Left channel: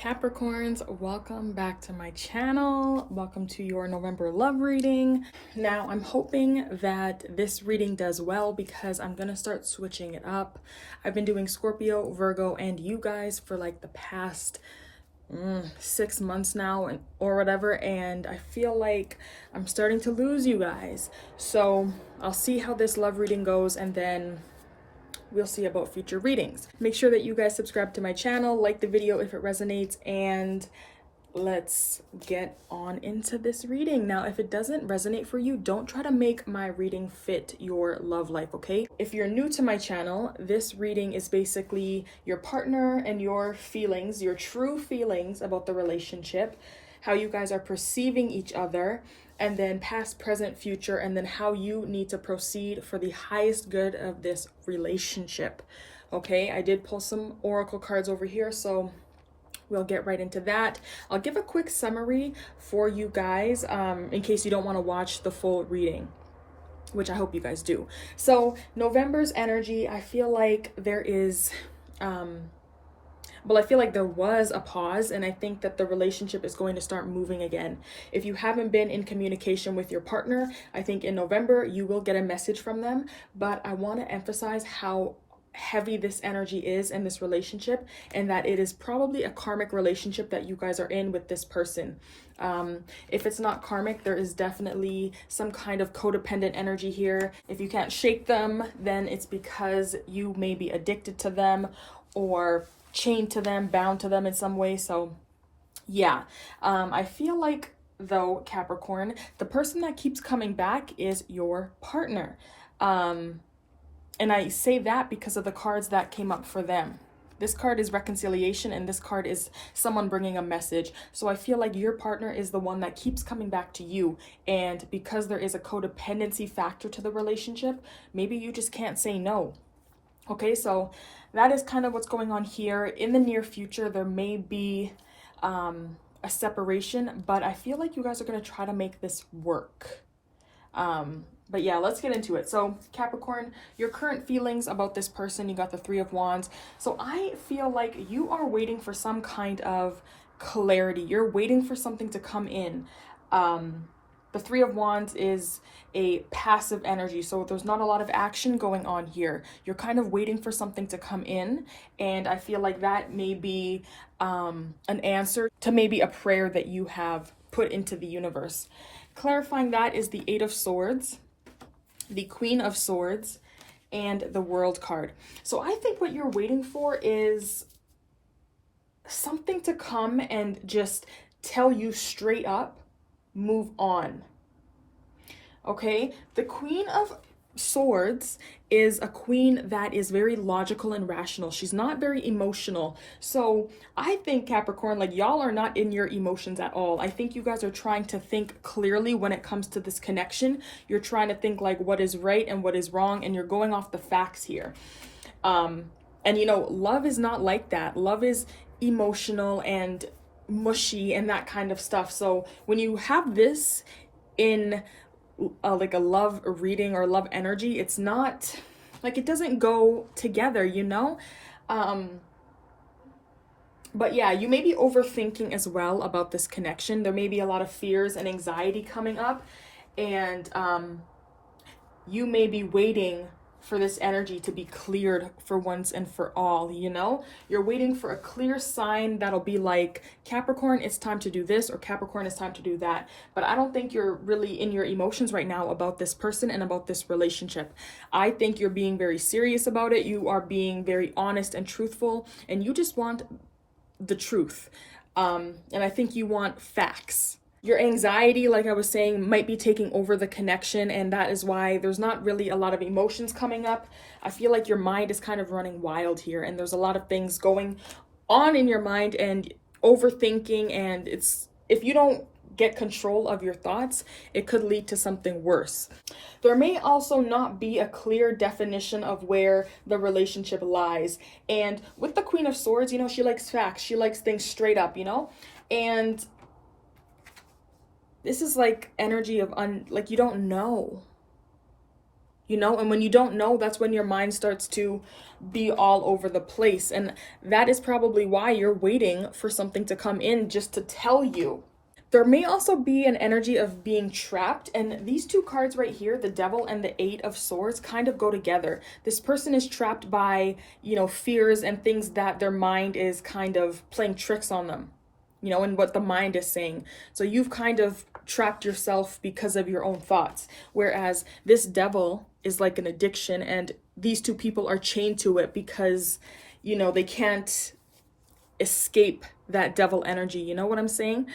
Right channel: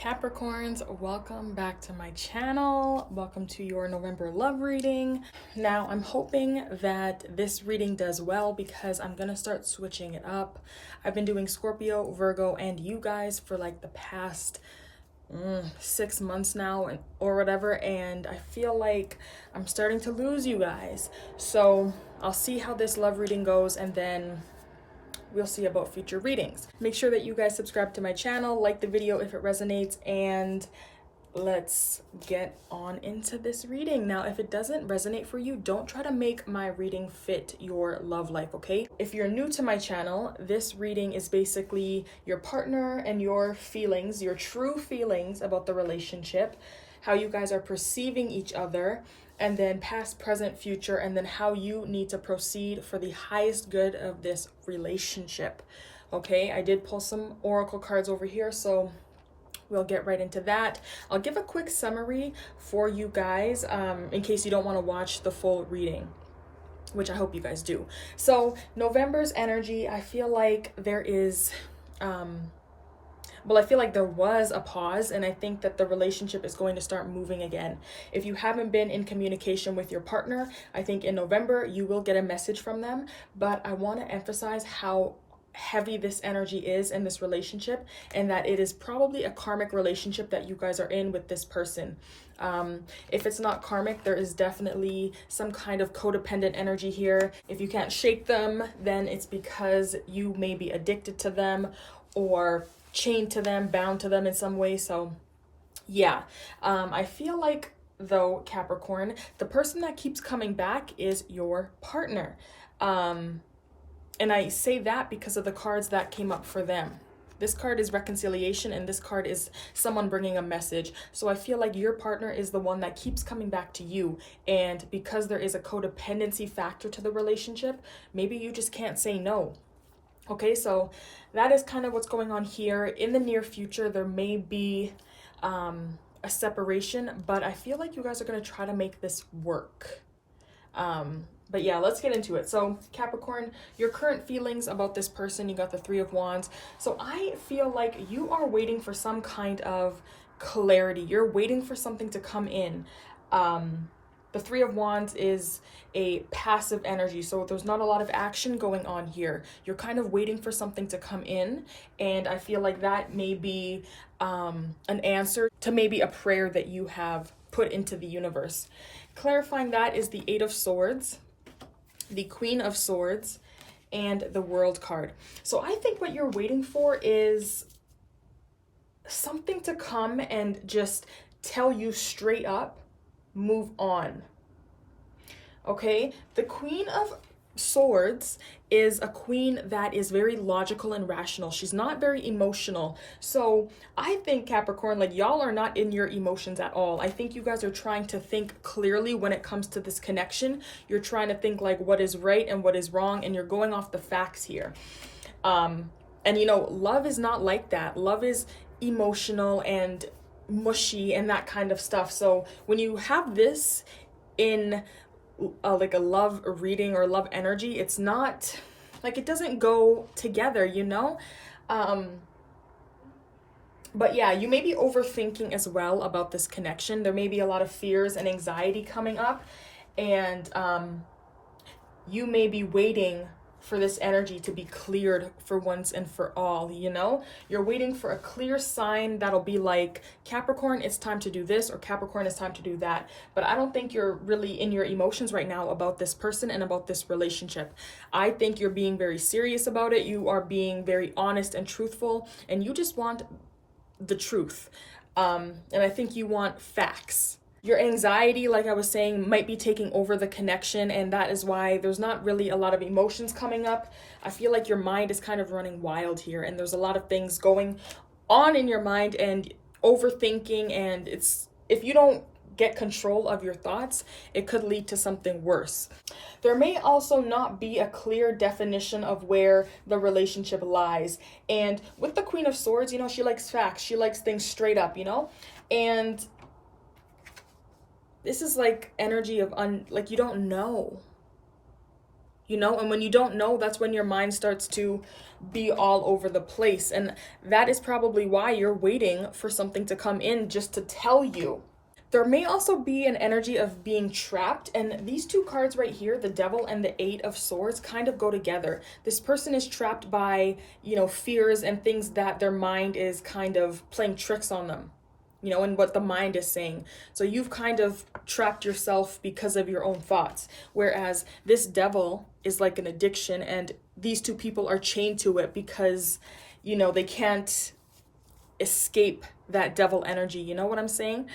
Capricorns, welcome back to my channel. Welcome to your November love reading. Now, I'm hoping that this reading does well because I'm gonna start switching it up. I've been doing Scorpio, Virgo, and you guys for like the past 6 months now or whatever, and I feel like I'm starting to lose you guys. So I'll see how this love reading goes, and then we'll see about future readings. Make sure that you guys subscribe to my channel, like the video if it resonates, and let's get on into this reading. Now, if it doesn't resonate for you, don't try to make my reading fit your love life, okay? If you're new to my channel, this reading is basically your partner and your feelings, your true feelings about the relationship, how you guys are perceiving each other, and then past, present, future, and then how you need to proceed for the highest good of this relationship. Okay, I did pull some oracle cards over here, so we'll get right into that. I'll give a quick summary for you guys in case you don't want to watch the full reading, which I hope you guys do. So November's energy, I feel like there is I feel like there was a pause, and I think that the relationship is going to start moving again. If you haven't been in communication with your partner, I think in November you will get a message from them, but I want to emphasize how heavy this energy is in this relationship, and that it is probably a karmic relationship that you guys are in with this person. If it's not karmic, there is definitely some kind of codependent energy here. If you can't shake them, then it's because you may be addicted to them or chained to them, bound to them in some way. So yeah, I feel like, though, Capricorn, the person that keeps coming back is your partner. And I say that because of the cards that came up for them. This card is reconciliation, and this card is someone bringing a message. So I feel like your partner is the one that keeps coming back to you. And because there is a codependency factor to the relationship, maybe you just can't say no. Okay, so that is kind of what's going on here. In the near future, there may be a separation, but I feel like you guys are going to try to make this work. But yeah, let's get into it. So Capricorn, your current feelings about this person, you got the Three of Wands. So I feel like you are waiting for some kind of clarity. You're waiting for something to come in. The Three of Wands is a passive energy, so there's not a lot of action going on here. You're kind of waiting for something to come in, and I feel like that may be an answer to maybe a prayer that you have put into the universe. Clarifying that is the Eight of Swords, the Queen of Swords, and the World card. So I think what you're waiting for is something to come and just tell you straight up, move on. Okay, the Queen of Swords is a queen that is very logical and rational. She's not very emotional. So I think, Capricorn, like, y'all are not in your emotions at all. I think you guys are trying to think clearly when it comes to this connection. You're trying to think like what is right and what is wrong, and you're going off the facts here. And you know, love is not like that. Love is emotional and mushy and that kind of stuff. So when you have this in like a love reading or love energy, it's not like, it doesn't go together, you know? But yeah, you may be overthinking as well about this connection. There may be a lot of fears and anxiety coming up, and you may be waiting for this energy to be cleared for once and for all, you know? You're waiting for a clear sign that'll be like, Capricorn, it's time to do this, or Capricorn, it's time to do that. But I don't think you're really in your emotions right now about this person and about this relationship. I think you're being very serious about it. You are being very honest and truthful, and you just want the truth. And I think you want facts. Your anxiety, like I was saying, might be taking over the connection, and that is why there's not really a lot of emotions coming up. I feel like your mind is kind of running wild here, and there's a lot of things going on in your mind and overthinking, and if you don't get control of your thoughts, it could lead to something worse. There may also not be a clear definition of where the relationship lies. And with the Queen of Swords, you know, she likes facts. She likes things straight up, you know? And this is like energy of like, you don't know. you know? And when you don't know, that's when your mind starts to be all over the place. And that is probably why you're waiting for something to come in just to tell you. There may also be an energy of being trapped, and these two cards right here, the Devil and the Eight of Swords, kind of go together. This person is trapped by, fears and things that their mind is kind of playing tricks on them, and what the mind is saying. So you've kind of trapped yourself because of your own thoughts. Whereas this Devil is like an addiction, and these two people are chained to it because, they can't escape that devil energy. You know what I'm saying?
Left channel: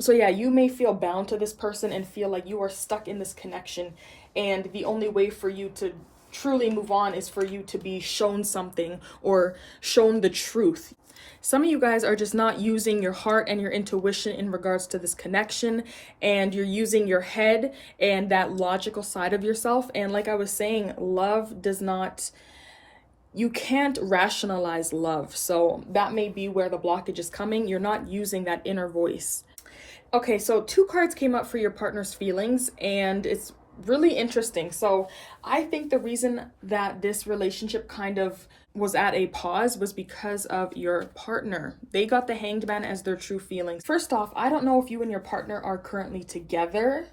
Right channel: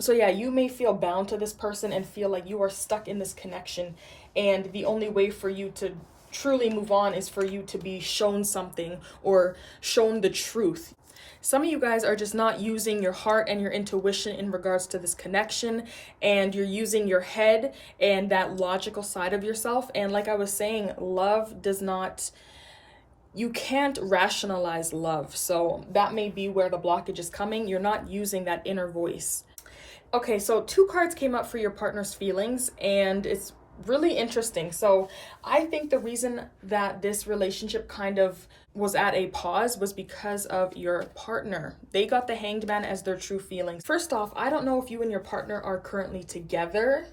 So yeah, you may feel bound to this person and feel like you are stuck in this connection. And the only way for you to truly move on is for you to be shown something or shown the truth. Some of you guys are just not using your heart and your intuition in regards to this connection, and you're using your head and that logical side of yourself. And like I was saying, love does not, you can't rationalize love. So that may be where the blockage is coming. You're not using that inner voice. Okay, so two cards came up for your partner's feelings, and it's really interesting. So I think the reason that this relationship kind of was at a pause was because of your partner. They got the Hanged Man as their true feelings. First off, I don't know if you and your partner are currently together,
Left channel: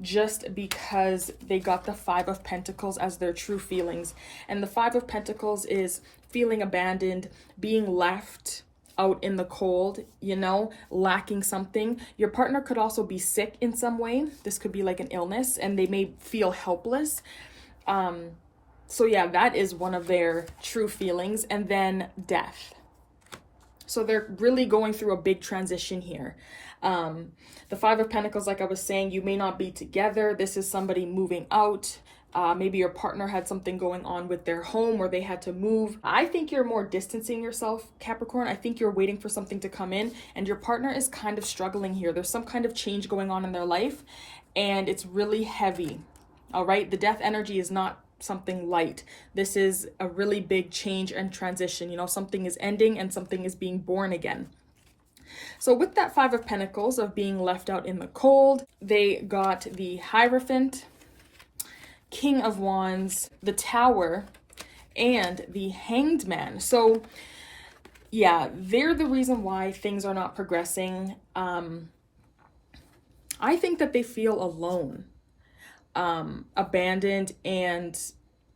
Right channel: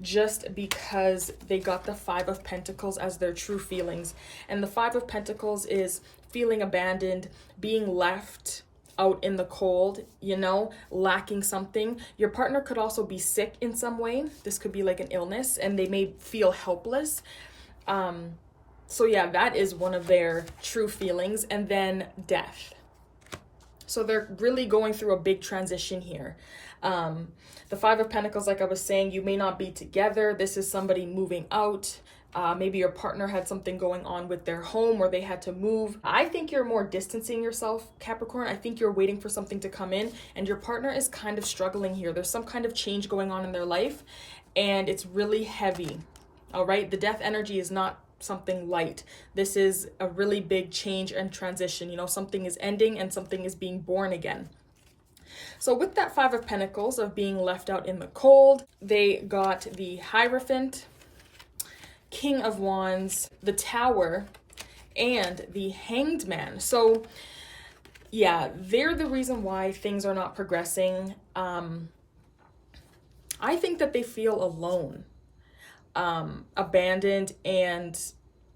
just because they got the Five of Pentacles as their true feelings. And the Five of Pentacles is feeling abandoned, being left out in the cold, lacking something. Your partner could also be sick in some way. This could be like an illness, and they may feel helpless. So yeah, that is one of their true feelings. And then death. So they're really going through a big transition here. The Five of Pentacles, like I was saying, you may not be together. This is somebody moving out. Maybe your partner had something going on with their home or they had to move. I think you're more distancing yourself, Capricorn. I think you're waiting for something to come in, and your partner is kind of struggling here. There's some kind of change going on in their life, and it's really heavy. All right. The death energy is not something light. This is a really big change and transition. Something is ending and something is being born again. So with that Five of Pentacles of being left out in the cold, they got the Hierophant, King of Wands, the Tower, and the Hanged Man. So yeah, they're the reason why things are not progressing. I think that they feel alone, abandoned, and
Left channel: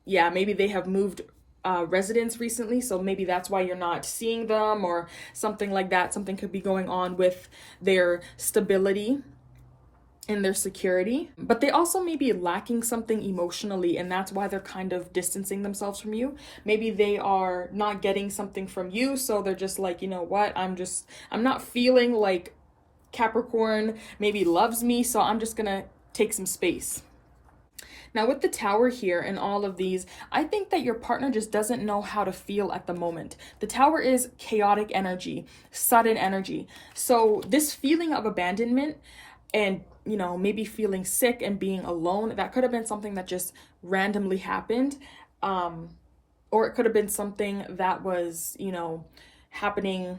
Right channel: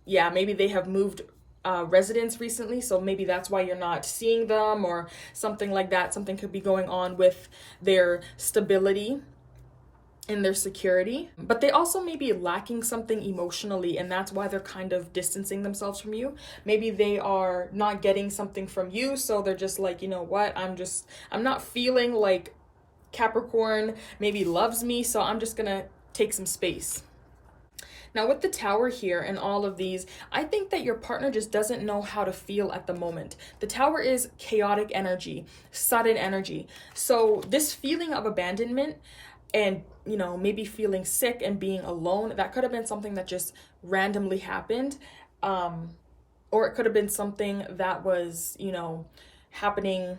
yeah, maybe they have moved residence recently, so maybe that's why you're not seeing them or something like that. Something could be going on with their stability and their security, but they also may be lacking something emotionally, and that's why they're kind of distancing themselves from you. Maybe they are not getting something from you, so they're just like, you know what, I'm not feeling like Capricorn maybe loves me, so I'm just gonna take some space. Now with the Tower here and all of these, I think that your partner just doesn't know how to feel at the moment. The Tower is chaotic energy, sudden energy. So this feeling of abandonment and, maybe feeling sick and being alone, that could have been something that just randomly happened. Or it could have been something that was, happening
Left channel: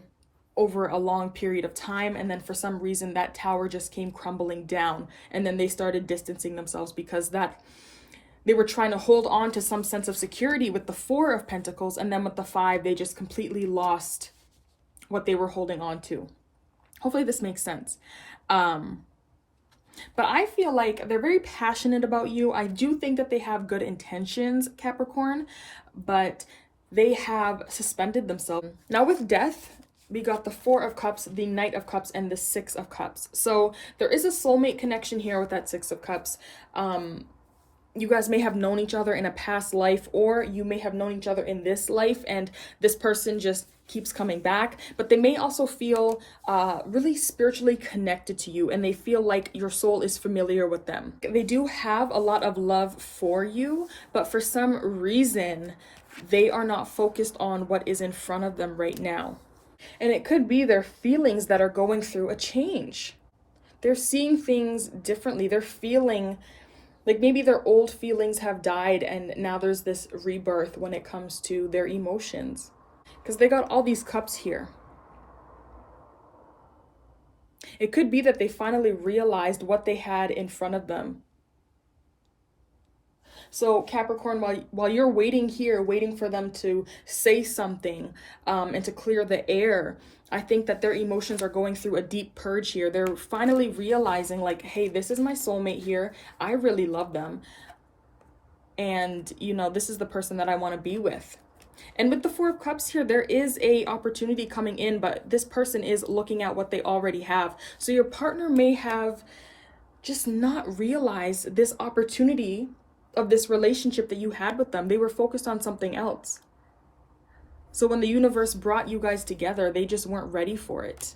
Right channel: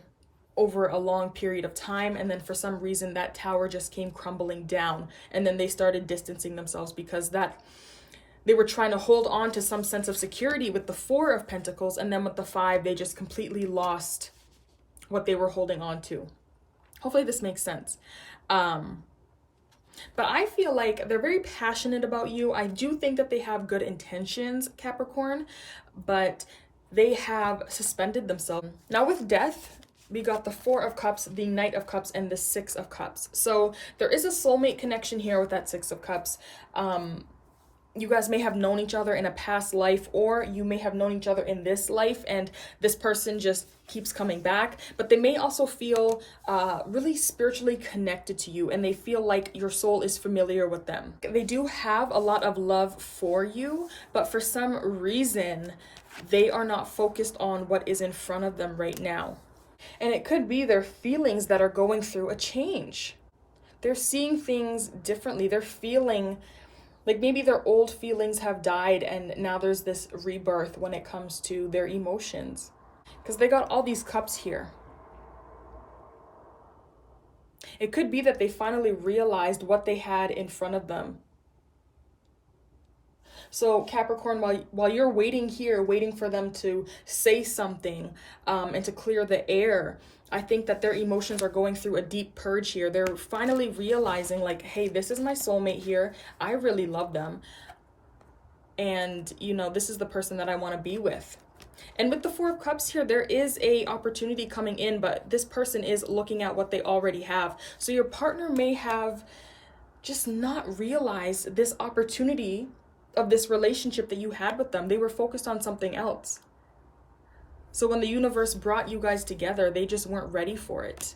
over a long period of time, and then for some reason that tower just came crumbling down, and then they started distancing themselves because they were trying to hold on to some sense of security with the Four of Pentacles, and then with the Five they just completely lost what they were holding on to. Hopefully this makes sense. But I feel like they're very passionate about you. I do think that they have good intentions, Capricorn, but they have suspended themselves. Now with death, we got the Four of Cups, the Knight of Cups, and the Six of Cups. So there is a soulmate connection here with that Six of Cups. You guys may have known each other in a past life, or you may have known each other in this life, and this person just keeps coming back. But they may also feel really spiritually connected to you, and they feel like your soul is familiar with them. They do have a lot of love for you, but for some reason, they are not focused on what is in front of them right now. And it could be their feelings that are going through a change. They're seeing things differently. They're feeling like maybe their old feelings have died, and now there's this rebirth when it comes to their emotions. Because they got all these cups here. It could be that they finally realized what they had in front of them. So Capricorn, while you're waiting here, waiting for them to say something, and to clear the air, I think that their emotions are going through a deep purge here. They're finally realizing, like, hey, this is my soulmate here. I really love them. And, you know, this is the person that I want to be with. And with the Four of Cups here, there is a opportunity coming in, but this person is looking at what they already have. So your partner may have just not realized this opportunity of this relationship that you had with them. They were focused on something else. So when the universe brought you guys together, they just weren't ready for it.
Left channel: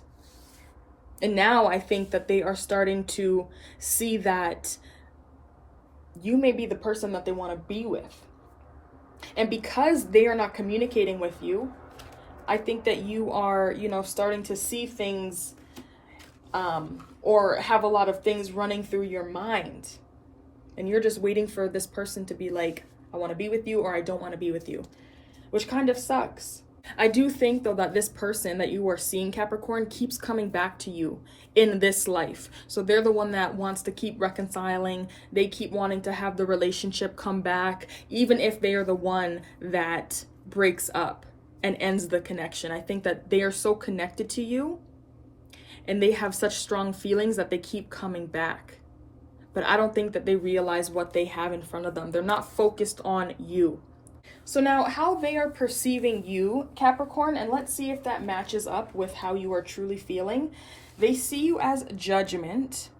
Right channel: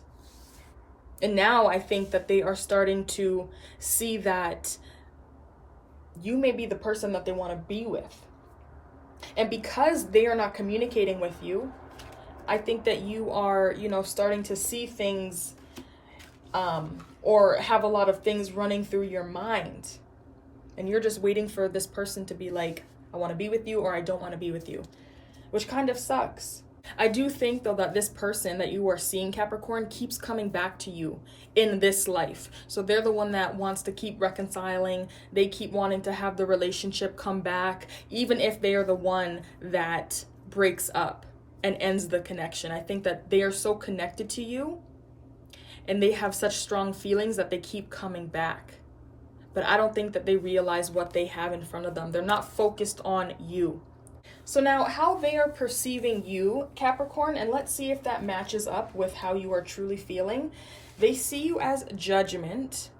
And now I think that they are starting to see that you may be the person that they want to be with. And because they are not communicating with you, I think that you are, you know, starting to see things, or have a lot of things running through your mind. And you're just waiting for this person to be like, I want to be with you, or I don't want to be with you, which kind of sucks. I do think, though, that this person that you are seeing, Capricorn, keeps coming back to you in this life. So they're the one that wants to keep reconciling. They keep wanting to have the relationship come back, even if they are the one that breaks up and ends the connection. I think that they are so connected to you and they have such strong feelings that they keep coming back. But I don't think that they realize what they have in front of them. They're not focused on you. So now how they are perceiving you, Capricorn, and let's see if that matches up with how you are truly feeling. They see you as Judgment.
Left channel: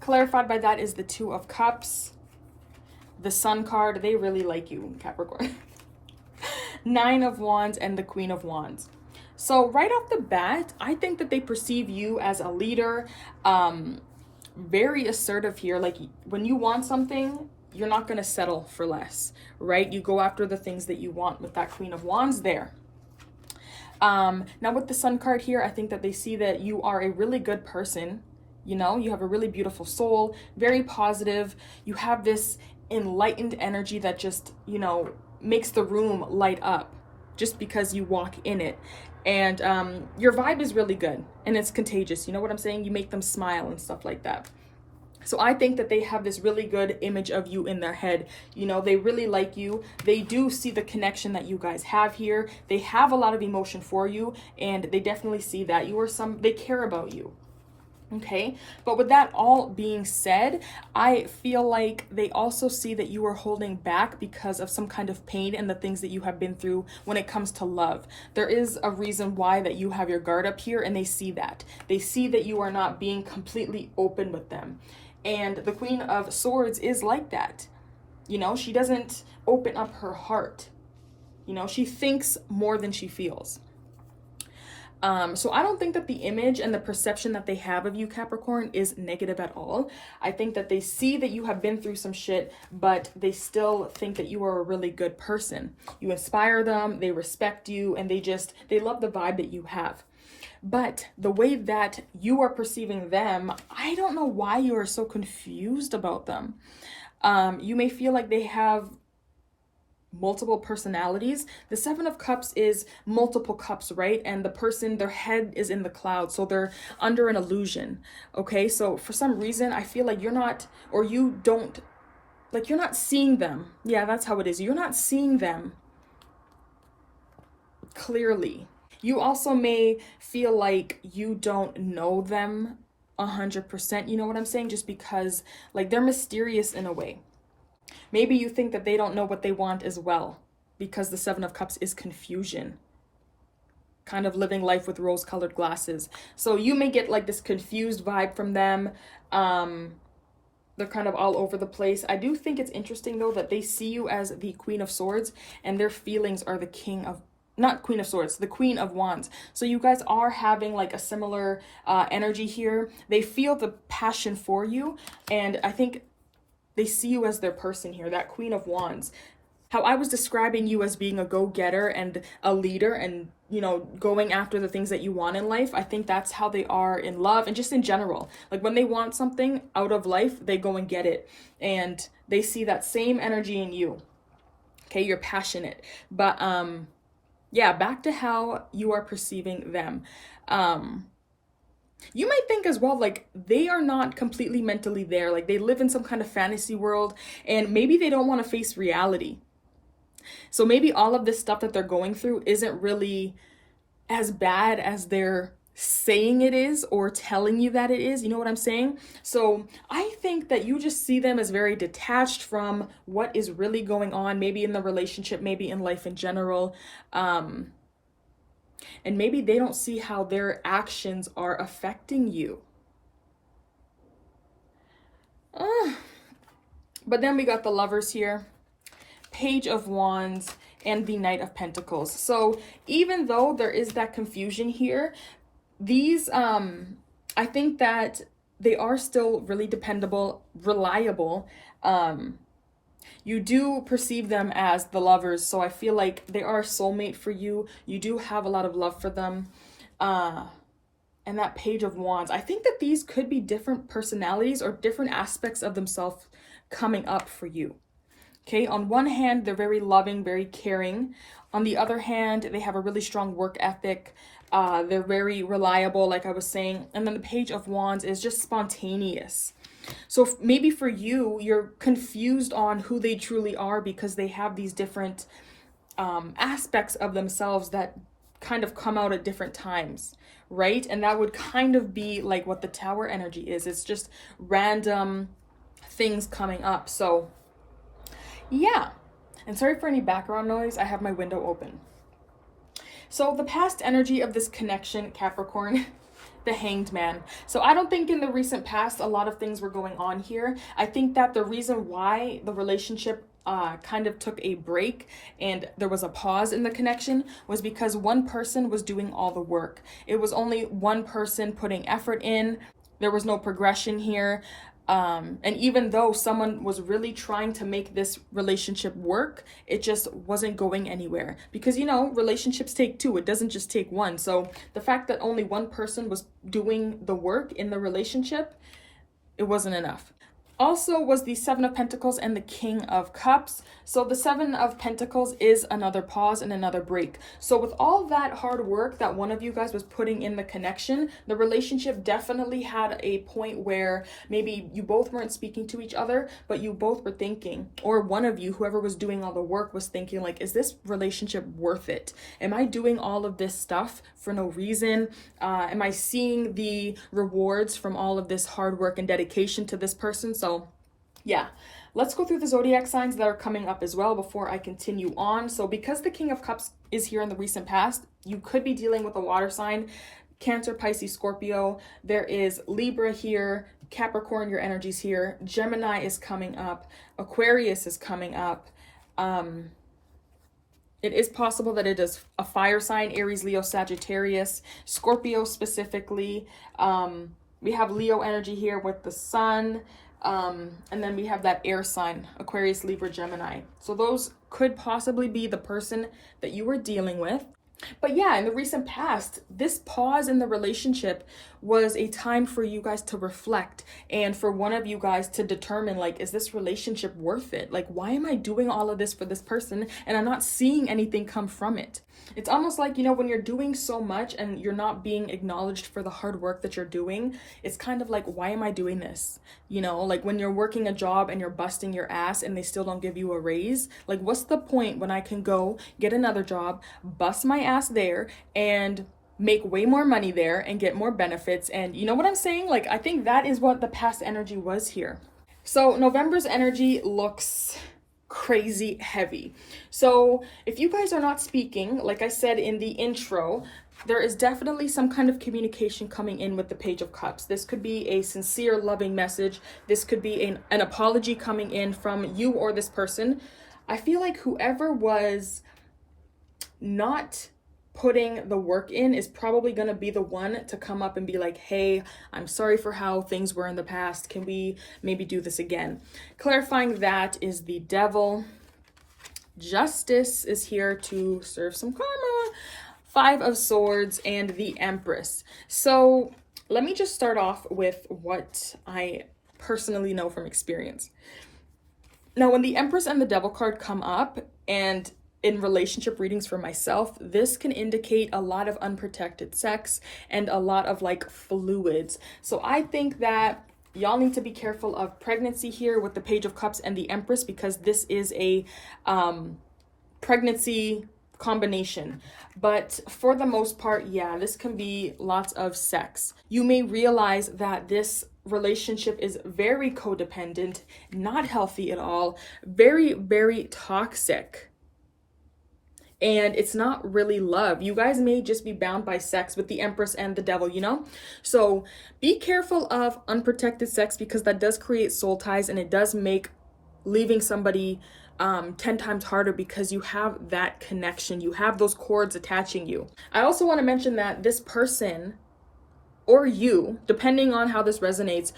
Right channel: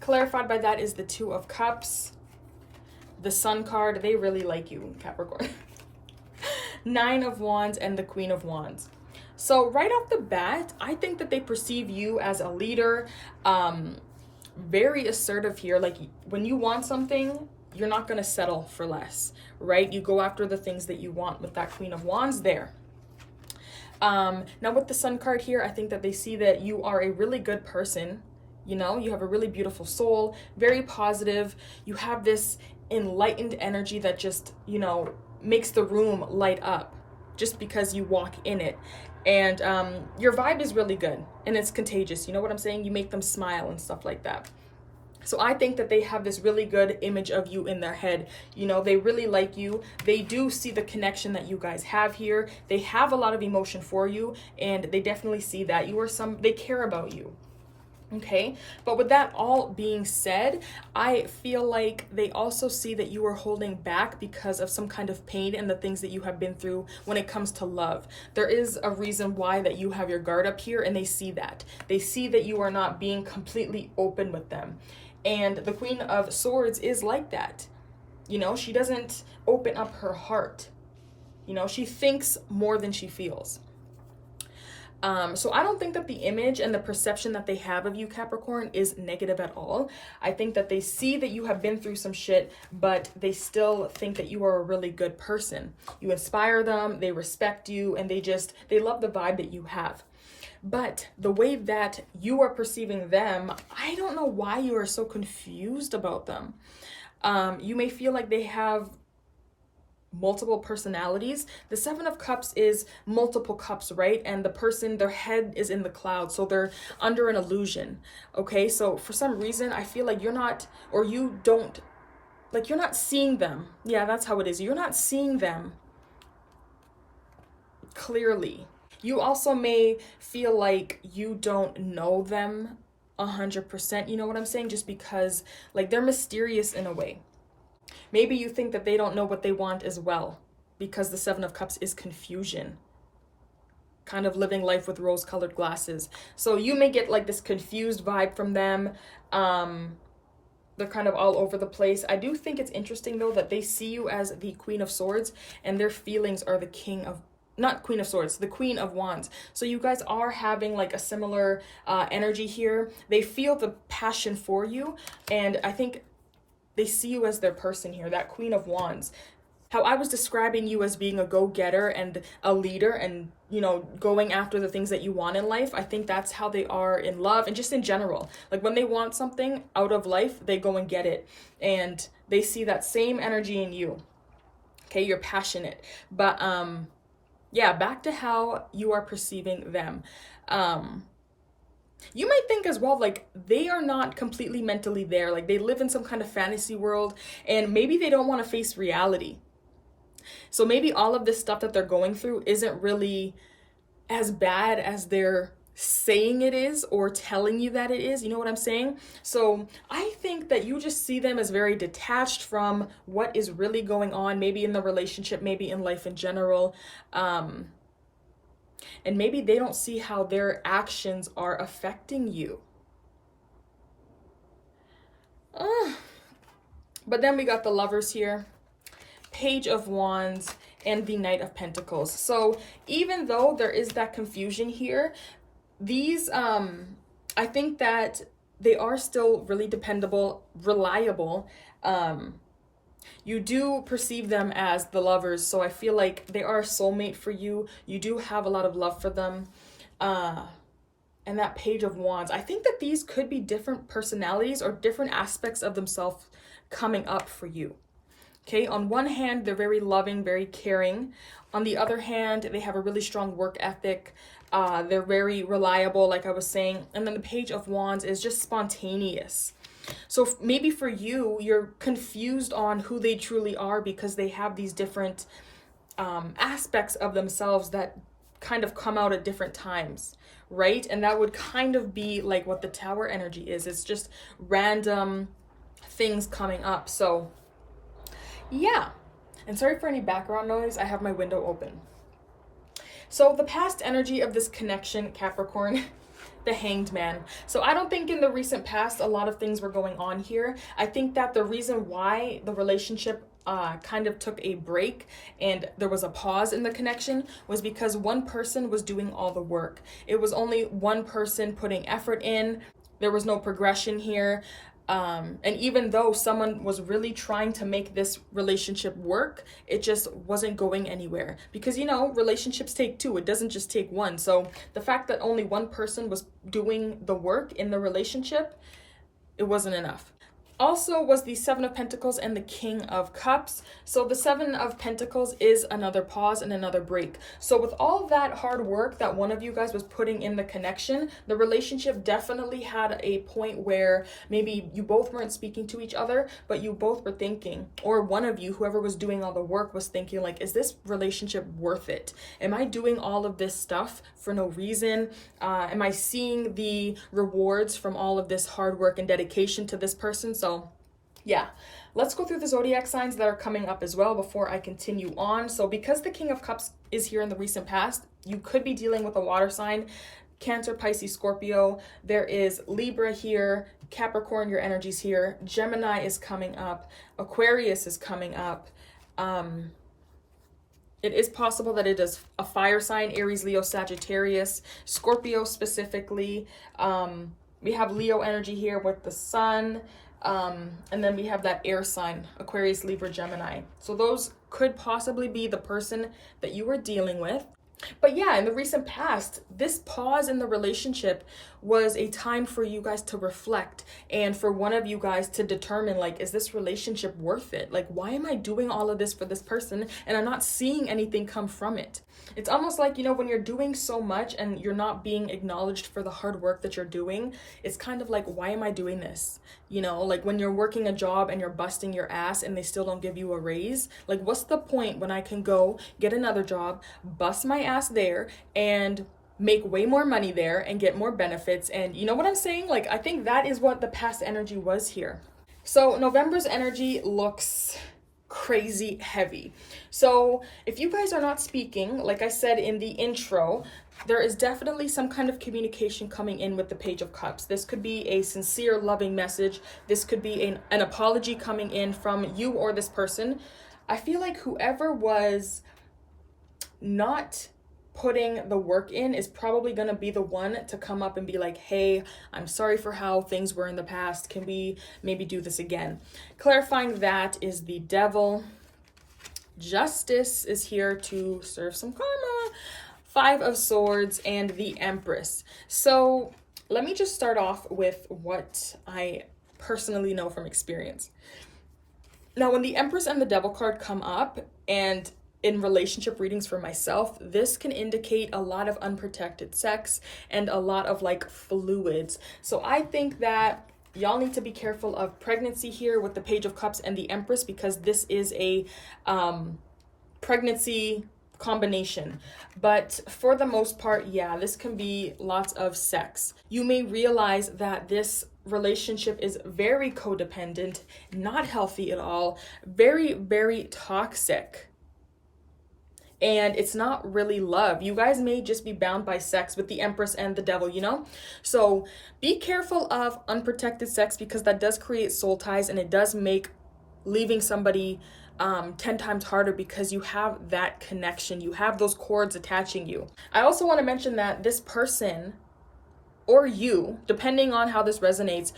Clarified by that is the Two of Cups. The Sun card, they really like you, Capricorn. Nine of Wands and the Queen of Wands. So right off the bat, I think that they perceive you as a leader, very assertive here. Like when you want something, you're not going to settle for less, right? You go after the things that you want with that Queen of Wands there. Now with the Sun card here, I think that they see that you are a really good person. You know, you have a really beautiful soul, very positive. You have this enlightened energy that just, you know, makes the room light up just because you walk in it. And your vibe is really good and it's contagious. You know what I'm saying? You make them smile and stuff like that. So I think that they have this really good image of you in their head. You know, they really like you. They do see the connection that you guys have here. They have a lot of emotion for you, and they definitely see that you are they care about you. Okay, but with that all being said, I feel like they also see that you are holding back because of some kind of pain and the things that you have been through when it comes to love. There is a reason why that you have your guard up here, and they see that. They see that you are not being completely open with them. And the Queen of Swords is like that. You know, she doesn't open up her heart. You know, she thinks more than she feels. So I don't think that the image and the perception that they have of you, Capricorn, is negative at all. I think that they see that you have been through some shit, but they still think that you are a really good person. You inspire them, they respect you, and they love the vibe that you have. But the way that you are perceiving them, I don't know why you are so confused about them. You may feel like they have multiple personalities. The Seven of Cups is multiple cups, right? And the person, their head is in the clouds, so they're under an illusion. Okay, so for some reason, I feel like you're not seeing them. Yeah, that's how it is. You're not seeing them clearly. You also may feel like you don't know them 100%, you know what I'm saying? Just because, like, they're mysterious in a way. Maybe you think that they don't know what they want as well, because the Seven of Cups is confusion. Kind of living life with rose-colored glasses. So you may get like this confused vibe from them. They're kind of all over the place. I do think it's interesting though that they see you as the Queen of Swords and their feelings are the not Queen of Swords, the Queen of Wands. So you guys are having like a similar energy here. They feel the passion for you, and I think they see you as their person here, that Queen of Wands. How I was describing you as being a go-getter and a leader and, you know, going after the things that you want in life. I think that's how they are in love and just in general. Like when they want something out of life, they go and get it. And they see that same energy in you. Okay, you're passionate. But yeah, back to how you are perceiving them. You might think as well, like, they are not completely mentally there. Like, they live in some kind of fantasy world, and maybe they don't want to face reality. So maybe all of this stuff that they're going through isn't really as bad as they're saying it is or telling you that it is. You know what I'm saying? So I think that you just see them as very detached from what is really going on, maybe in the relationship, maybe in life in general. And maybe they don't see how their actions are affecting you. Oh. But then we got the Lovers here, Page of Wands, and the Knight of Pentacles. So even though there is that confusion here, these, I think that they are still really dependable, reliable. You do perceive them as the lovers, so I feel like they are a soulmate for you. You do have a lot of love for them. And that Page of Wands, I think that these could be different personalities or different aspects of themselves coming up for you. Okay, on one hand, they're very loving, very caring. On the other hand, they have a really strong work ethic. They're very reliable, like I was saying. And then the Page of Wands is just spontaneous. So maybe for you, you're confused on who they truly are because they have these different aspects of themselves that kind of come out at different times, right? And that would kind of be like what the Tower energy is. It's just random things coming up. So yeah, and sorry for any background noise. I have my window open. So the past energy of this connection, Capricorn, the Hanged Man. So I don't think in the recent past a lot of things were going on here. I think that the reason why the relationship kind of took a break and there was a pause in the connection was because one person was doing all the work. It was only one person putting effort in. There was no progression here. And even though someone was really trying to make this relationship work, it just wasn't going anywhere because, you know, relationships take two. It doesn't just take one. So the fact that only one person was doing the work in the relationship, it wasn't enough. Also was the Seven of Pentacles and the King of Cups. So the Seven of Pentacles is another pause and another break. So with all that hard work that one of you guys was putting in the connection, the relationship definitely had a point where maybe you both weren't speaking to each other, but you both were thinking, or one of you, whoever was doing all the work, was thinking like, is this relationship worth it? Am I doing all of this stuff for no reason? Am I seeing the rewards from all of this hard work and dedication to this person? So yeah, let's go through the zodiac signs that are coming up as well before I continue on. So because the King of Cups is here in the recent past, you could be dealing with a water sign, Cancer, Pisces, Scorpio. There is Libra here, Capricorn, your energy's here, Gemini is coming up, Aquarius is coming up. It is possible that it is a fire sign, Aries, Leo, Sagittarius, Scorpio specifically. We have Leo energy here with the sun. And then we have that air sign, Aquarius, Libra, Gemini. So those could possibly be the person that you were dealing with. But yeah, in the recent past, this pause in the relationship was a time for you guys to reflect and for one of you guys to determine, like, is this relationship worth it? Like, why am I doing all of this for this person and I'm not seeing anything come from it? It's almost like, you know, when you're doing so much and you're not being acknowledged for the hard work that you're doing, it's kind of like, why am I doing this? You know, like when you're working a job and you're busting your ass and they still don't give you a raise, like what's the point when I can go get another job, bust my ass there and make way more money there and get more benefits? And you know what I'm saying? Like, I think that is what the past energy was here. So November's energy looks crazy heavy. So if you guys are not speaking, like I said in the intro, there is definitely some kind of communication coming in with the Page of Cups. This could be a sincere, loving message. This could be an apology coming in from you or this person. I feel like whoever was not putting the work in is probably going to be the one to come up and be like, hey, I'm sorry for how things were in the past. Can we maybe do this again? Clarifying that is the Devil. Justice is here to serve some karma. Five of Swords and the Empress. So let me just start off with what I personally know from experience. Now, when the Empress and the Devil card come up and in relationship readings for myself, this can indicate a lot of unprotected sex and a lot of like fluids. So I think that y'all need to be careful of pregnancy here with the Page of Cups and the Empress, because this is a pregnancy combination. But for the most part, yeah, this can be lots of sex. You may realize that this relationship is very codependent, not healthy at all, very, very toxic. And it's not really love. You guys may just be bound by sex with the Empress and the Devil, you know? So be careful of unprotected sex, because that does create soul ties, and it does make leaving somebody 10 times harder, because you have that connection. You have those cords attaching you. I also want to mention that this person, or you, depending on how this resonates,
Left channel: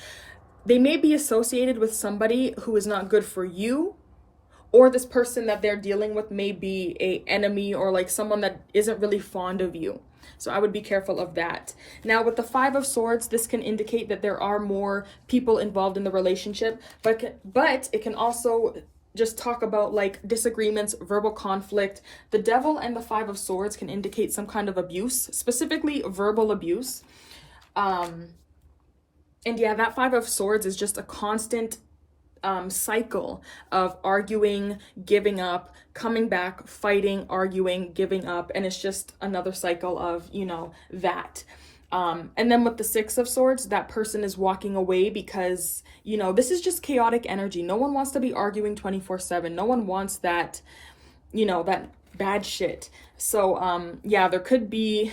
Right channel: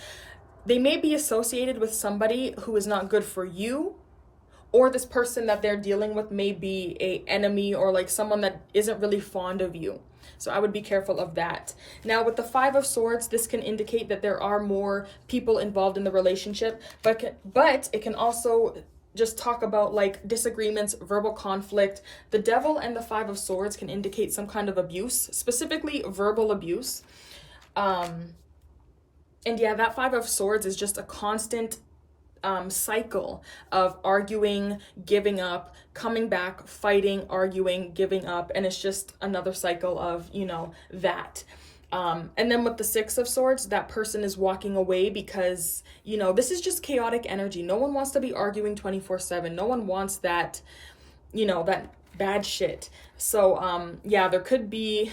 they may be associated with somebody who is not good for you, or this person that they're dealing with may be a enemy, or like someone that isn't really fond of you. So I would be careful of that. Now with the Five of Swords, this can indicate that there are more people involved in the relationship, but it can also just talk about like disagreements, verbal conflict. The Devil and the Five of Swords can indicate some kind of abuse, specifically verbal abuse. And yeah, that Five of Swords is just a constant cycle of arguing, giving up, coming back, fighting, arguing, giving up, and it's just another cycle of, you know, that. And then with the Six of Swords, that person is walking away because, you know, this is just chaotic energy. No one wants to be arguing 24/7. No one wants that, you know, that bad shit. So yeah, there could be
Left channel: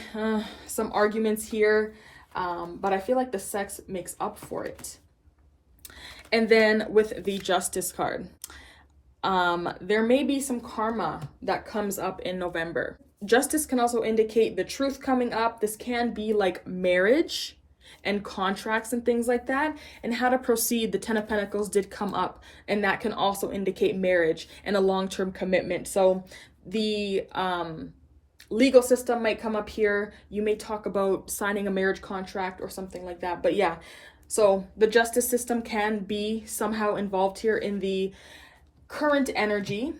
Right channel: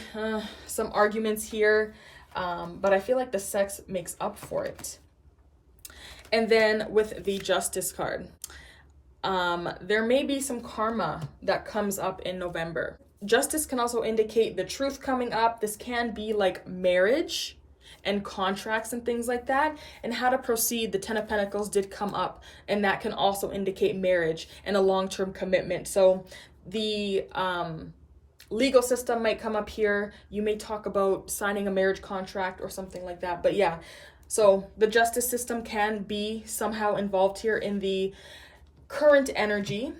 some arguments here, but I feel like the sex makes up for it. And then with the Justice card, there may be some karma that comes up in November. Justice can also indicate the truth coming up. This can be like marriage and contracts and things like that, and how to proceed. The Ten of Pentacles did come up, and that can also indicate marriage and a long-term commitment. So the legal system might come up here. You may talk about signing a marriage contract or something like that. But yeah, so the justice system can be somehow involved here in the current energy,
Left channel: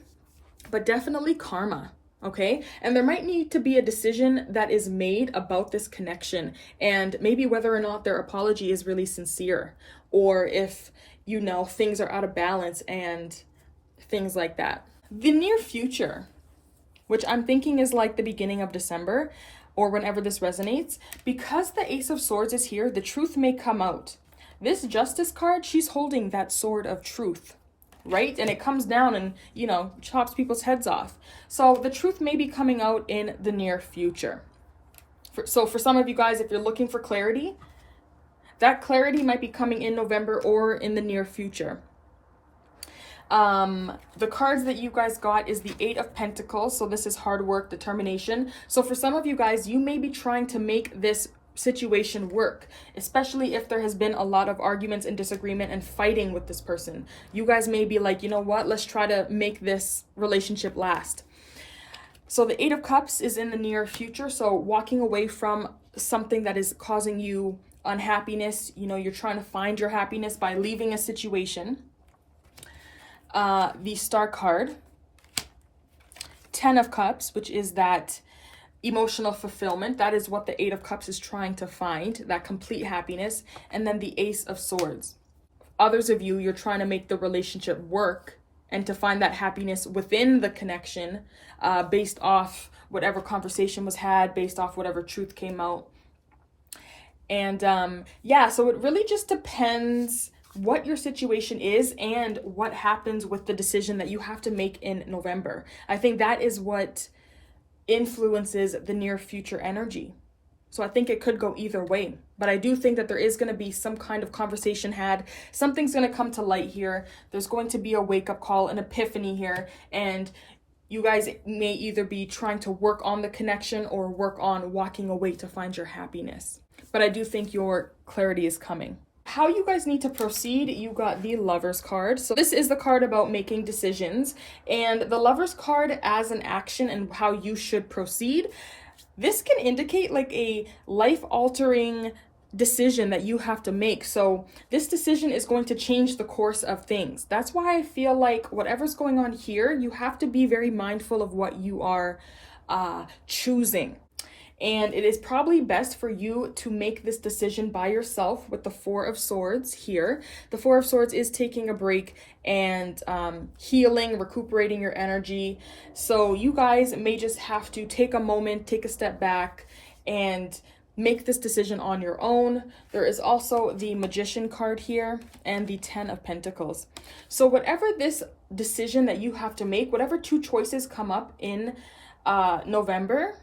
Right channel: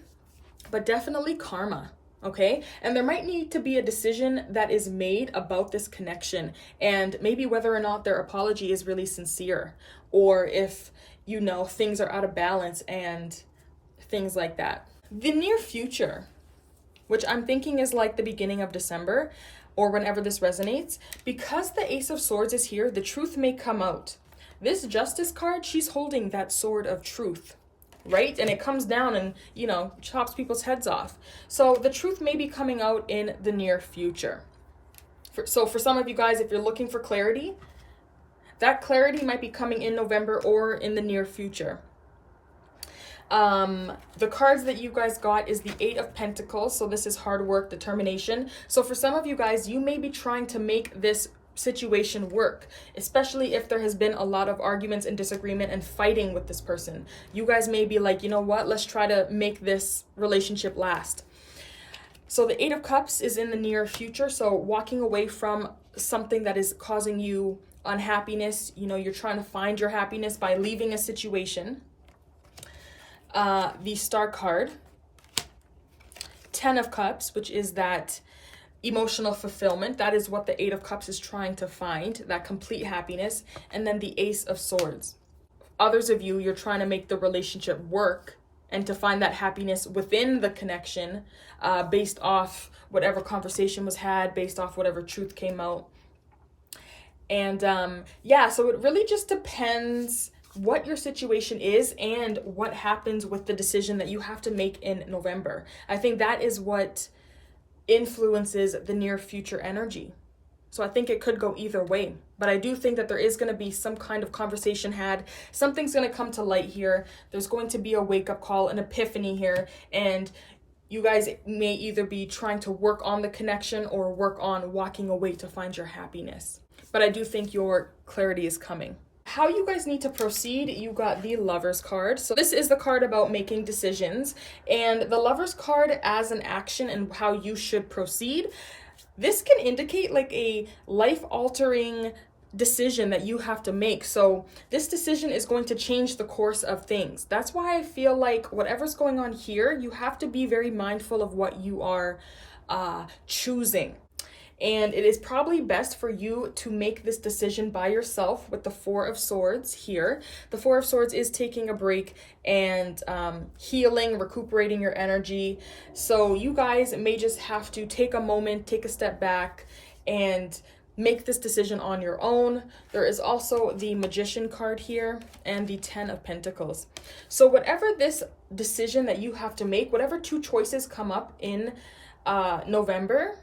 but definitely karma. Okay, and there might need to be a decision that is made about this connection, and maybe whether or not their apology is really sincere, or if, you know, things are out of balance and things like that. The near future, which I'm thinking is like the beginning of December or whenever this resonates, because the Ace of Swords is here, the truth may come out. This Justice card, she's holding that sword of truth, right? And it comes down and, you know, chops people's heads off. So the truth may be coming out in the near future. So for some of you guys, if you're looking for clarity, that clarity might be coming in November or in the near future. The cards that you guys got is the Eight of Pentacles. So this is hard work, determination. So for some of you guys, you may be trying to make this situation work, especially if there has been a lot of arguments and disagreement and fighting with this person. You guys may be like, you know what, let's try to make this relationship last. So the Eight of Cups is in the near future. So walking away from something that is causing you unhappiness. You know, you're trying to find your happiness by leaving a situation. The Star card, Ten of Cups, which is that emotional fulfillment. That is what the Eight of Cups is trying to find, that complete happiness. And then the Ace of Swords. Others of you, you're trying to make the relationship work and to find that happiness within the connection, based off whatever conversation was had, based off whatever truth came out. And yeah, so it really just depends what your situation is and what happens with the decision that you have to make in November. I think that is what influences the near future energy. So I think it could go either way, but I do think that there is going to be some kind of conversation had. Something's going to come to light here. There's going to be a wake-up call, an epiphany here, and you guys may either be trying to work on the connection or work on walking away to find your happiness. But I do think your clarity is coming. How you guys need to proceed, you got the Lovers card. So this is the card about making decisions, and the Lovers card as an action and how you should proceed. This can indicate like a life-altering decision that you have to make. So this decision is going to change the course of things. That's why I feel like whatever's going on here, you have to be very mindful of what you are choosing. And it is probably best for you to make this decision by yourself with the Four of Swords here. The Four of Swords is taking a break and healing, recuperating your energy. So you guys may just have to take a moment, take a step back, and make this decision on your own. There is also the Magician card here and the Ten of Pentacles. So whatever this decision that you have to make, whatever two choices come up in November,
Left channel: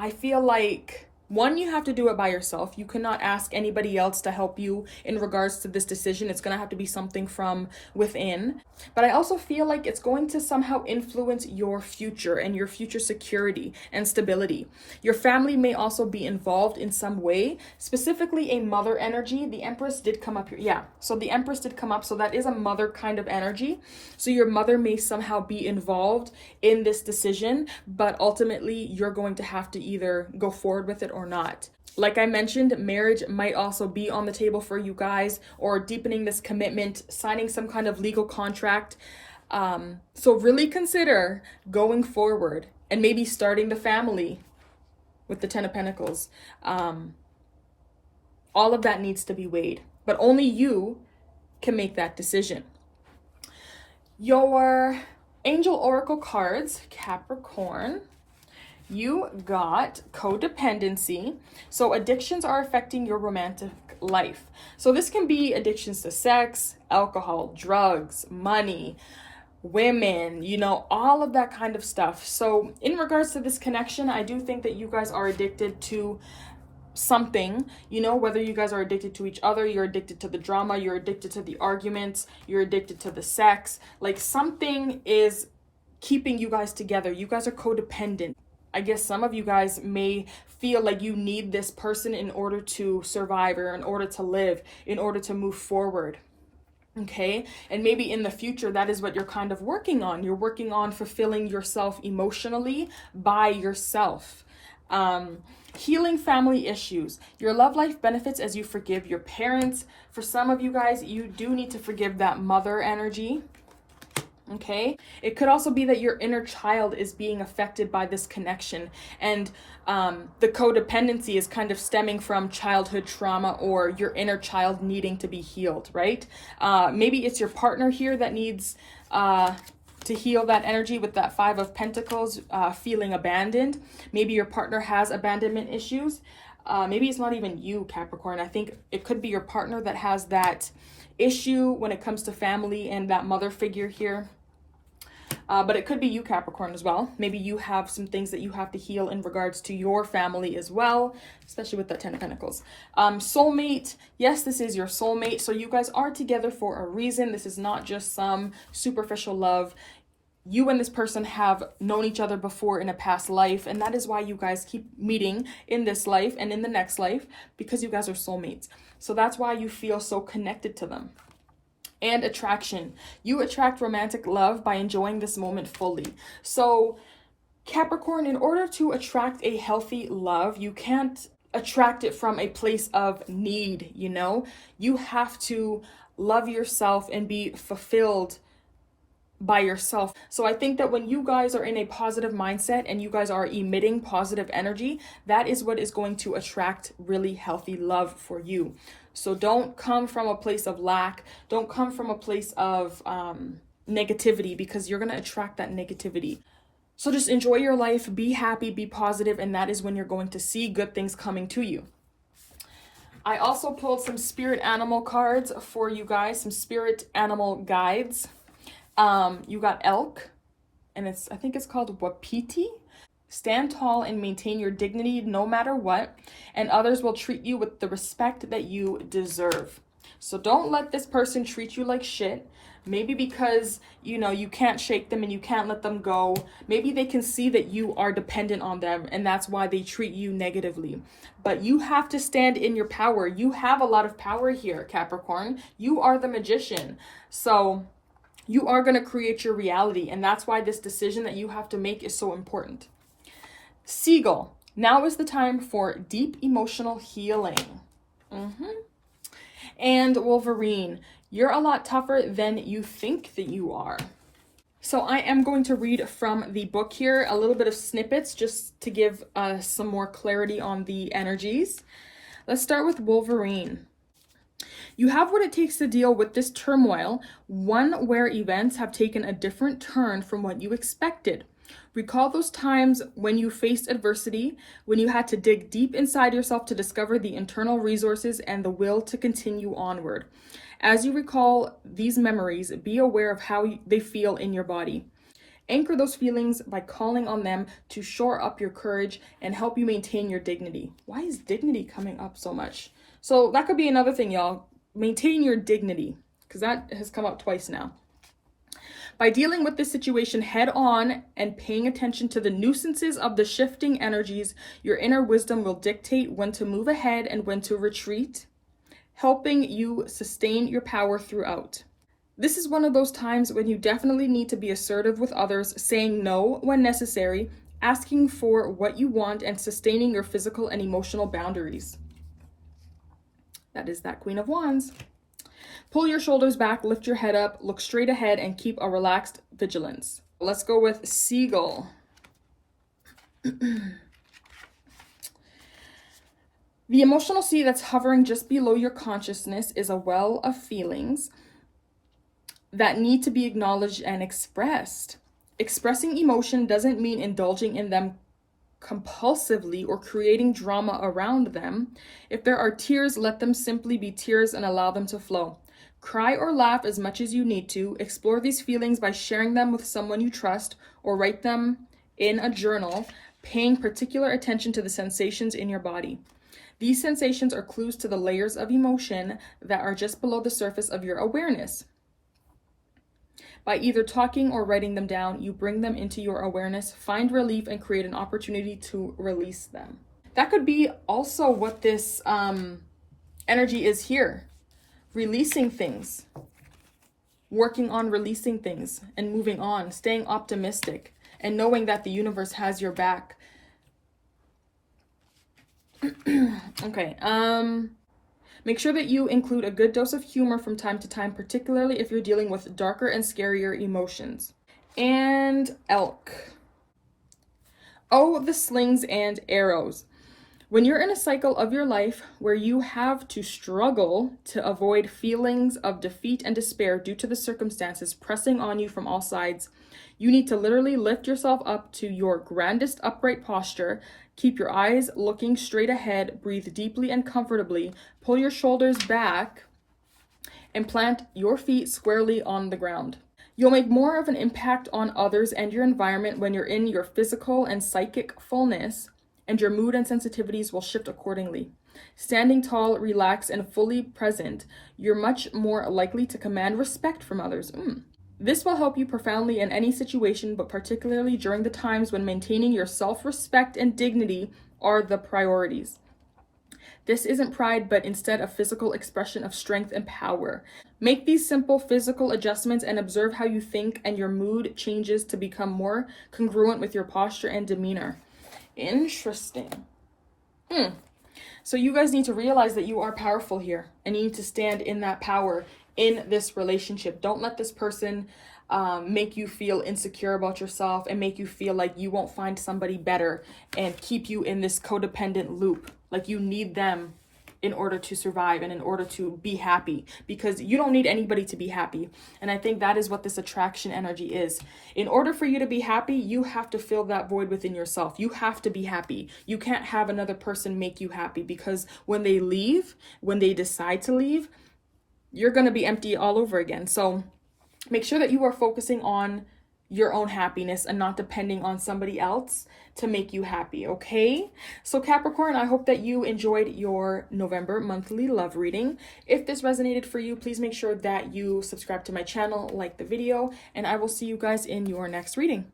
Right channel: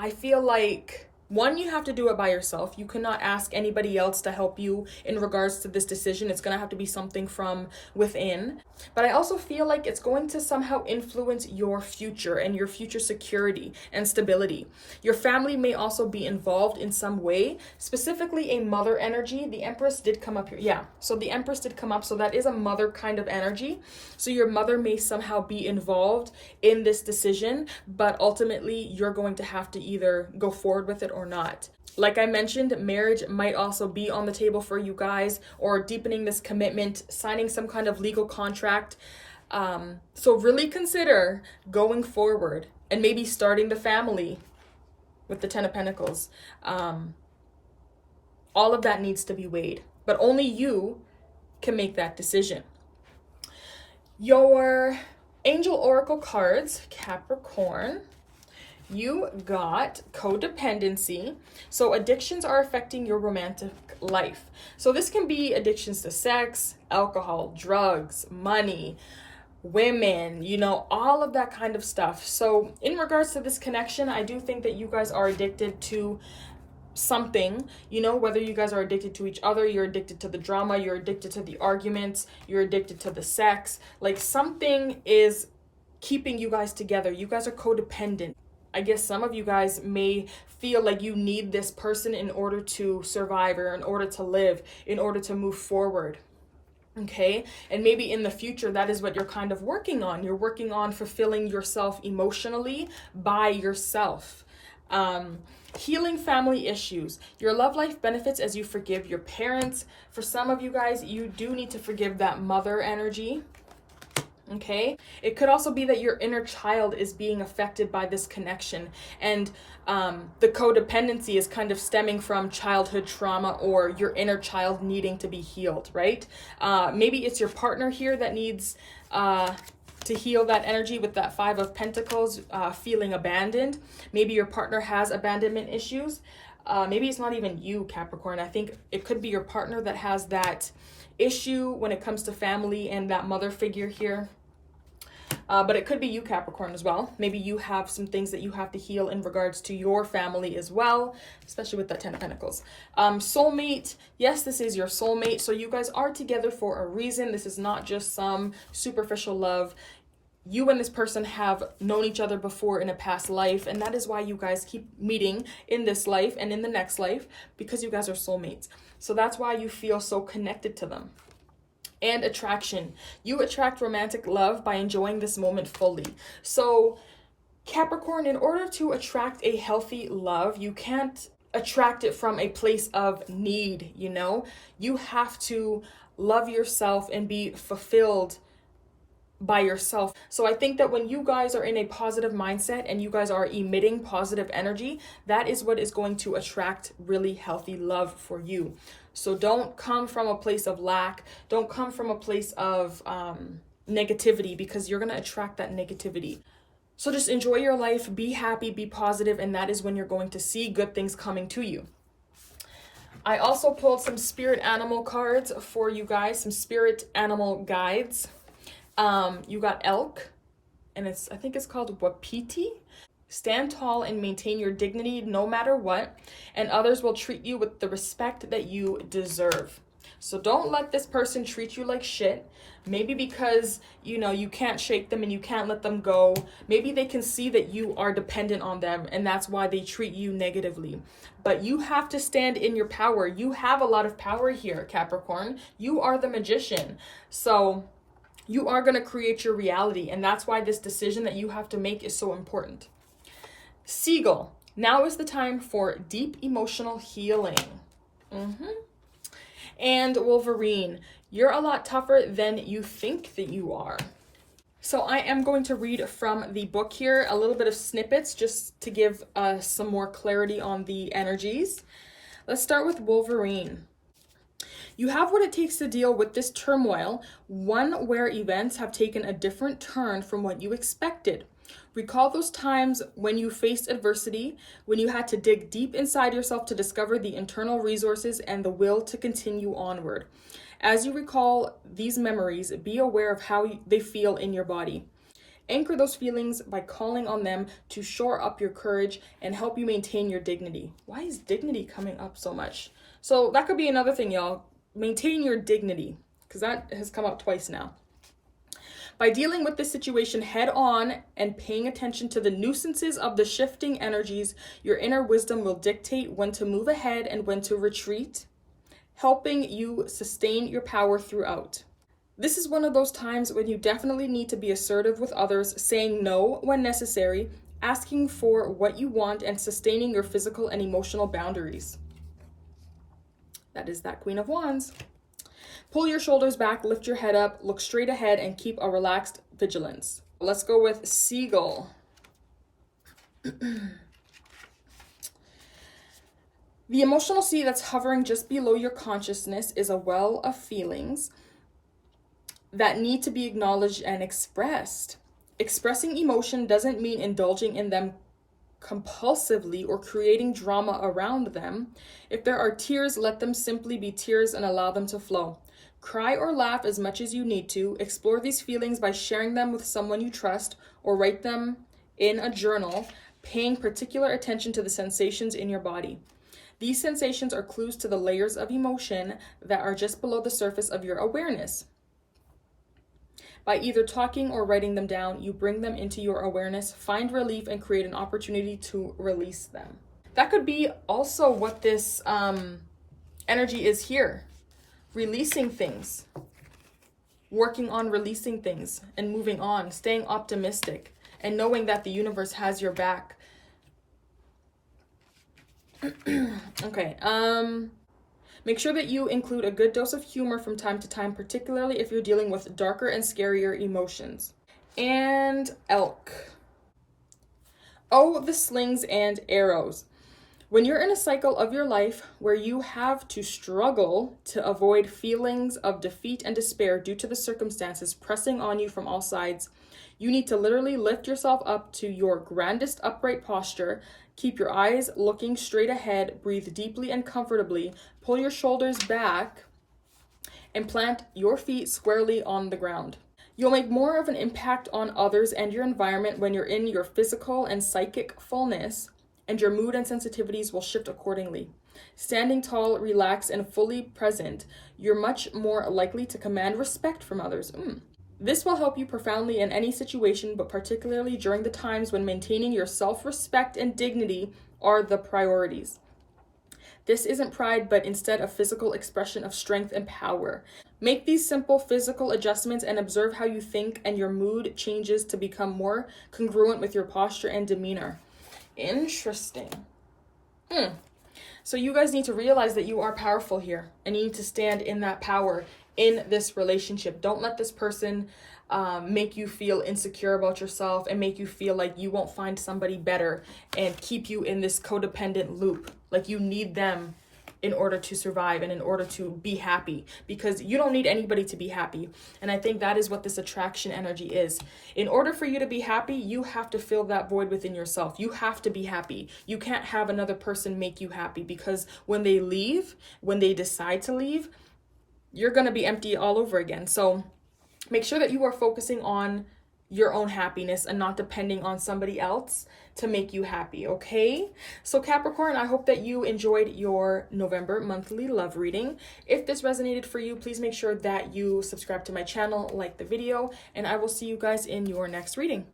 I feel like, one, you have to do it by yourself. You cannot ask anybody else to help you in regards to this decision. It's going to have to be something from within. But I also feel like it's going to somehow influence your future and your future security and stability. Your family may also be involved in some way, specifically a mother energy. The Empress did come up here. Yeah, so the Empress did come up. So that is a mother kind of energy. So your mother may somehow be involved in this decision, but ultimately you're going to have to either go forward with it or not. Like I mentioned, marriage might also be on the table for you guys, or deepening this commitment, signing some kind of legal contract. So really consider going forward and maybe starting the family with the Ten of Pentacles. All of that needs to be weighed, but only you can make that decision. Your Angel Oracle cards, Capricorn. You got codependency. So addictions are affecting your romantic life. So this can be addictions to sex, alcohol, drugs, money, women, all of that kind of stuff. So in regards to this connection, I do think that you guys are addicted to something, whether you guys are addicted to each other, you're addicted to the drama, you're addicted to the arguments, you're addicted to the sex. Like something is keeping you guys together. You guys are codependent. I guess some of you guys may feel like you need this person in order to survive, or in order to live, in order to move forward. Okay. And maybe in the future, that is what you're kind of working on. You're working on fulfilling yourself emotionally by yourself. Healing family issues. Your love life benefits as you forgive your parents. For some of you guys, you do need to forgive that mother energy. Okay, it could also be that your inner child is being affected by this connection, and the codependency is kind of stemming from childhood trauma, or your inner child needing to be healed, right? Maybe it's your partner here that needs to heal that energy with that Five of Pentacles, feeling abandoned. Maybe your partner has abandonment issues. Maybe it's not even you, Capricorn. I think it could be your partner that has that issue when it comes to family and that mother figure here. But it could be you, Capricorn, as well. Maybe you have some things that you have to heal in regards to your family as well, especially with that Ten of Pentacles. Soulmate. Yes, this is your soulmate. So you guys are together for a reason. This is not just some superficial love. You and this person have known each other before in a past life, and that is why you guys keep meeting in this life and in the next life, because you guys are soulmates. So that's why you feel so connected to them. And attraction. You attract romantic love by enjoying this moment fully. So Capricorn, in order to attract a healthy love, you can't attract it from a place of need, You have to love yourself and be fulfilled by yourself. So I think that when you guys are in a positive mindset and you guys are emitting positive energy, that is what is going to attract really healthy love for you. So don't come from a place of lack. Don't come from a place of negativity, because you're going to attract that negativity. So just enjoy your life, be happy, be positive, and that is when you're going to see good things coming to you. I also pulled some spirit animal cards for you guys, some spirit animal guides. You got elk, and I think it's called Wapiti. Stand tall and maintain your dignity no matter what, and others will treat you with the respect that you deserve. So don't let this person treat you like shit. Maybe because, you can't shake them and you can't let them go. Maybe they can see that you are dependent on them, and that's why they treat you negatively. But you have to stand in your power. You have a lot of power here, Capricorn. You are the magician. So you are going to create your reality, and that's why this decision that you have to make is so important. Seagull. Now is the time for deep emotional healing. And Wolverine, you're a lot tougher than you think that you are. So I am going to read from the book here, a little bit of snippets just to give some more clarity on the energies. Let's start with Wolverine. You have what it takes to deal with this turmoil, one where events have taken a different turn from what you expected. Recall those times when you faced adversity, when you had to dig deep inside yourself to discover the internal resources and the will to continue onward. As you recall these memories, be aware of how they feel in your body. Anchor those feelings by calling on them to shore up your courage and help you maintain your dignity. Why is dignity coming up so much? So that could be another thing, y'all. Maintain your dignity, because that has come up twice now. By dealing with this situation head on and paying attention to the nuisances of the shifting energies, your inner wisdom will dictate when to move ahead and when to retreat, helping you sustain your power throughout. This is one of those times when you definitely need to be assertive with others, saying no when necessary, asking for what you want, and sustaining your physical and emotional boundaries. That is that Queen of Wands. Pull your shoulders back, lift your head up, look straight ahead, and keep a relaxed vigilance. Let's go with Seagull. The emotional sea that's hovering just below your consciousness is a well of feelings that need to be acknowledged and expressed. Expressing emotion doesn't mean indulging in them compulsively or creating drama around them. If there are tears, let them simply be tears and allow them to flow. Cry or laugh as much as you need to. Explore these feelings by sharing them with someone you trust or write them in a journal, paying particular attention to the sensations in your body. These sensations are clues to the layers of emotion that are just below the surface of your awareness. By either talking or writing them down, you bring them into your awareness, find relief, and create an opportunity to release them. That could be also what this energy is here. Releasing things. Working on releasing things and moving on. Staying optimistic and knowing that the universe has your back. Okay, make sure that you include a good dose of humor from time to time, particularly if you're dealing with darker and scarier emotions. And Elk. Oh, the slings and arrows. When you're in a cycle of your life where you have to struggle to avoid feelings of defeat and despair due to the circumstances pressing on you from all sides, you need to literally lift yourself up to your grandest upright posture. Keep your eyes looking straight ahead, breathe deeply and comfortably, pull your shoulders back, and plant your feet squarely on the ground. You'll make more of an impact on others and your environment when you're in your physical and psychic fullness, and your mood and sensitivities will shift accordingly. Standing tall, relaxed, and fully present, you're much more likely to command respect from others. This will help you profoundly in any situation, but particularly during the times when maintaining your self-respect and dignity are the priorities. This isn't pride, but instead a physical expression of strength and power. Make these simple physical adjustments and observe how you think and your mood changes to become more congruent with your posture and demeanor. Interesting. So you guys need to realize that you are powerful here, and you need to stand in that power in this relationship. Don't let this person make you feel insecure about yourself and make you feel like you won't find somebody better and keep you in this codependent loop. Like you need them in order to survive and in order to be happy, because you don't need anybody to be happy. And I think that is what this attraction energy is. In order for you to be happy, you have to fill that void within yourself. You have to be happy. You can't have another person make you happy, because when they leave, when they decide to leave, you're going to be empty all over again. So make sure that you are focusing on your own happiness and not depending on somebody else to make you happy, okay? So Capricorn, I hope that you enjoyed your November monthly love reading. If this resonated for you, please make sure that you subscribe to my channel, like the video, and I will see you guys in your next reading.